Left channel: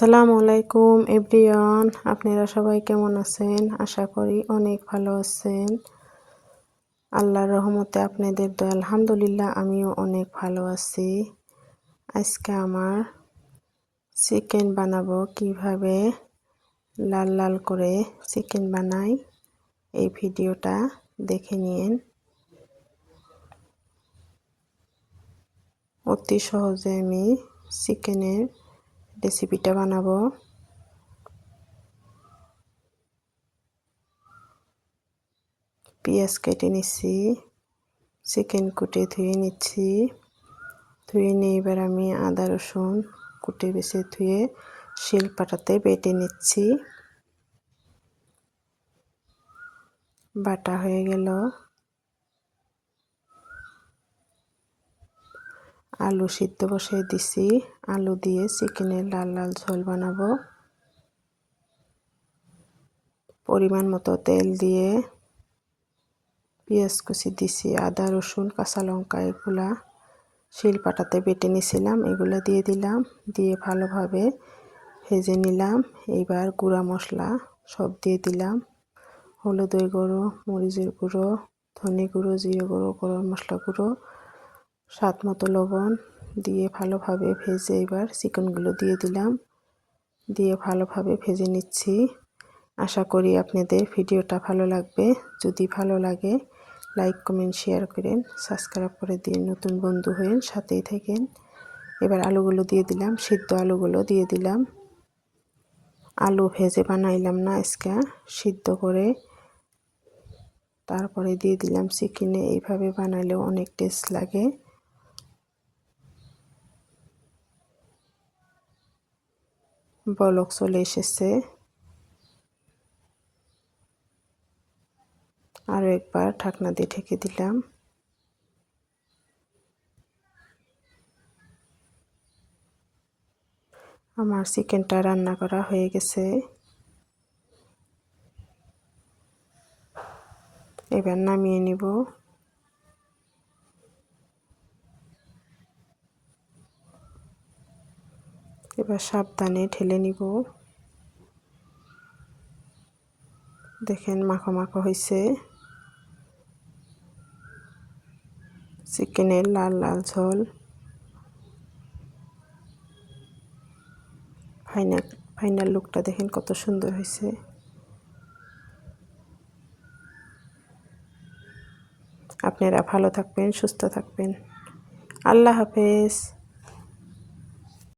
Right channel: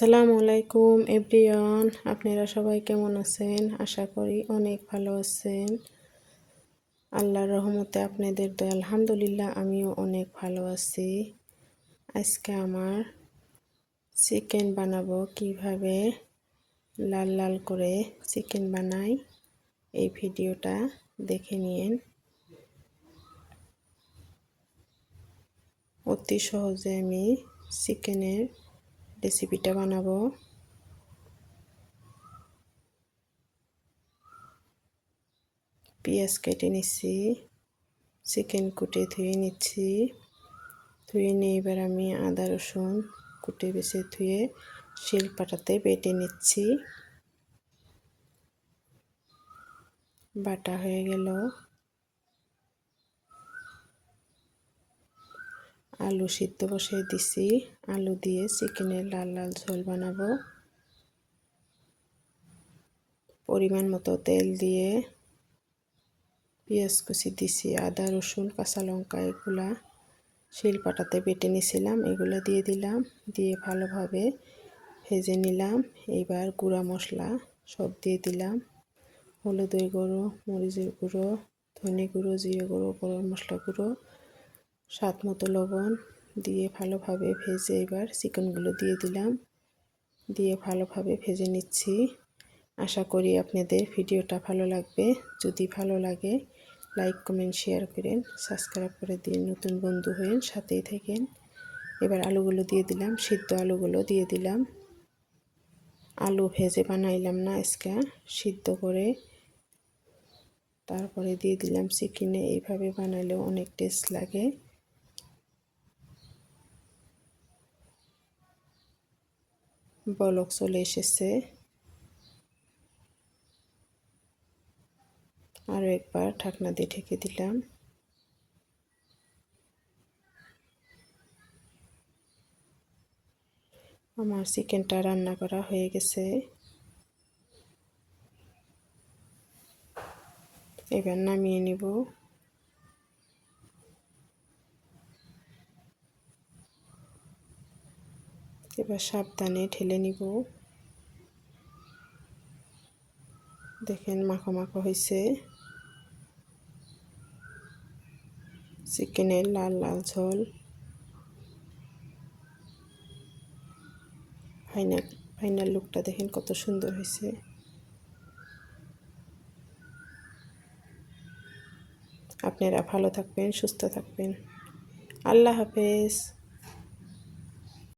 আসসালামু আলাইকুম এভরিওয়ান, আপনারা সবাই কেমন আছেন? আশা করি অনেক ভালো আছেন। আল্লাহর রহমতে আপনাদের দয়া আলহামদুলিল্লাহ আমিও অনেক ভালো আছি। আজকে আমার চিকেন বানাবো, কিভাবে লাল লাল করে চিকেন বানাই এই ভিডিওটা দেখে নিন। অতি সহজে আমি চিকেনের রেসিপিটা বানাবো। পেঁয়াজ কেটে নিচ্ছি, চিকেন কুটে ধুয়ে নিচ্ছি। ধুয়ে নিয়ে এবার আমি আদা রসুন কুটে বেছে ধুয়ে শিলপাটাতে বেটে নিচ্ছি। বাটা হয়ে গেল। আলু সিদ্ধ বসিয়ে দিছি, আলু দিয়ে চিকেনের লাল লাল ঝোল বানাবো। পরিমাণ মতো তেল দিয়ে পেঁয়াজ কুচি দিছি, আদা রসুন কাঁচা লঙ্কা এগুলা শিলপাটাতে বেটে নিছিলাম, এগুলো দিয়ে দিলাম। দিয়ে ভালোভাবে ভেজে নিলাম। এইবার গুঁড়া মশলা সব দিয়ে দিলাম। হলুদের গুঁড়ো, মরিচের গুঁড়ো, ধনে গুঁড়ো, জিরে গুঁড়ো, গরম মশলা গুঁড়ো, স্বাদ মতো লবণ দিয়ে ভালোভাবে ভেজে এবার চিকেনগুলো দিয়ে দিলাম। দিয়ে ভালোভাবে ভেজে নিচ্ছি। আশা করি আপনাদের ভিডিওটা ভালো লাগবে। যদি ভালো লাগে লাইক কমেন্ট শেয়ার করেন, সাবস্ক্রাইব করে দিন, নতুন বন্ধু হয়ে সাথেই থাকেন। এবার আলুগুলো দিয়ে দিলাম, সিদ্ধ আলুগুলো দিয়ে দিলাম। আলু ভেজে বানাইলাম না, আজকে সিদ্ধ করে তারপরে দিয়ে দিলাম চিকেনে। এইভাবে বানালেও অনেক টেস্ট লাগে। বলক চলে এসেছে। আরও একবার ঢাকনা দিয়ে ঢেকে দিলাম। আমার চিকেনটা রান্না করা হয়ে গেছে। এবার নামিয়ে নিব। এবার সাবধানে ঢেলে নিব। দেখেন মাখো মাখো হয়েছে। চিকেনের লাল লাল ঝোল। ফাইনাল লুকটা দেখেন কত সুন্দর হয়েছে। আপনারা ভালো থাকবেন, সুস্থ থাকবেন। আল্লাহ হাফেজ।